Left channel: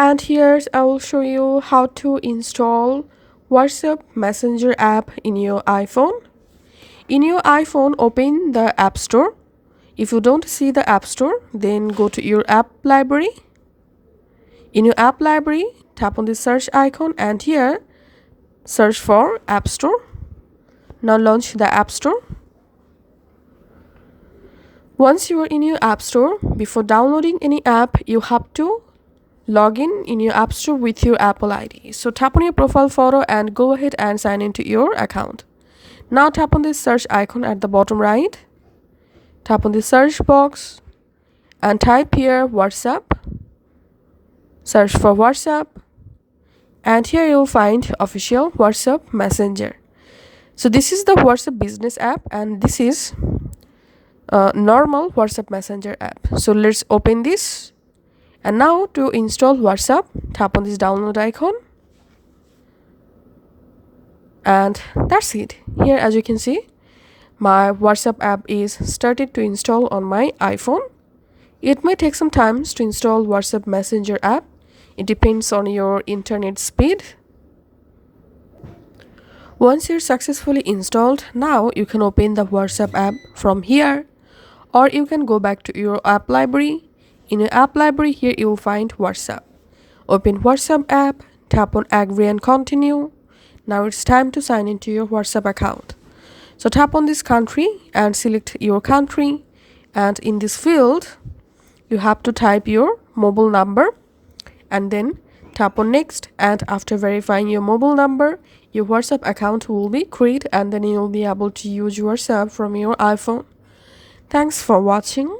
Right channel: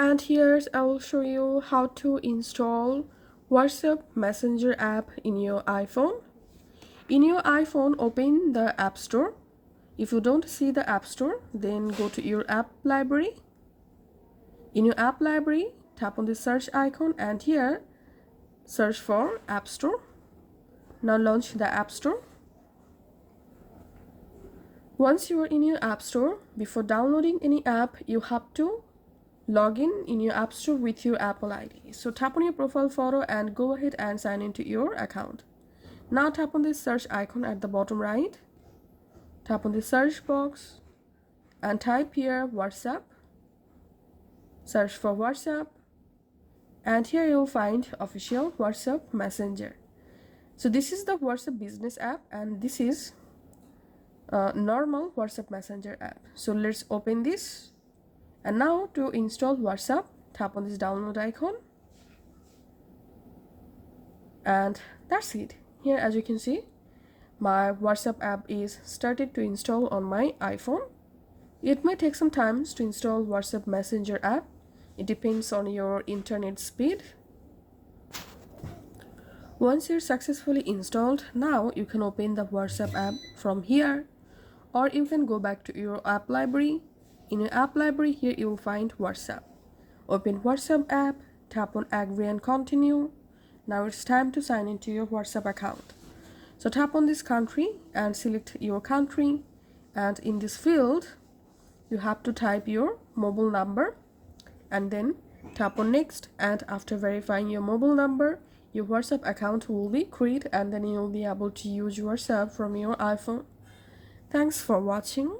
And here I will show you how to install WhatsApp Messenger app in your iPhone. In your iPhone, open the App Store. If you don't see the App Store, then go to your app library. In your app library, tap on the search icon and here search for App Store. Now launch the App Store. Once you are in your App Store, before downloading any app, you have to log in your App Store with your Apple ID. So tap on your profile photo and go ahead and sign into your account. Now tap on the search icon at the bottom right. Tap on the search box and type here WhatsApp. Search for WhatsApp and here you'll find official WhatsApp Messenger. So this is the WhatsApp business app and this is normal WhatsApp Messenger app. So let's open this. And now to install WhatsApp, tap on this download icon. And that's it. Here as you can see, my WhatsApp app is started to install on my iPhone. It may take some time to install WhatsApp Messenger app. It depends on your internet speed. Once you're successfully installed, now you can open the WhatsApp app from here, or you can go back to your app library. In your app library, here you will find WhatsApp. Open WhatsApp app, tap on agree and continue. Now it's time to sign into your WhatsApp account. So tap on this country and select your country, and in this field you have to type your mobile number and then tap on next, and after verifying your mobile number, your WhatsApp account will be created and then you'll be able to use WhatsApp from your iPhone. Thanks for watching.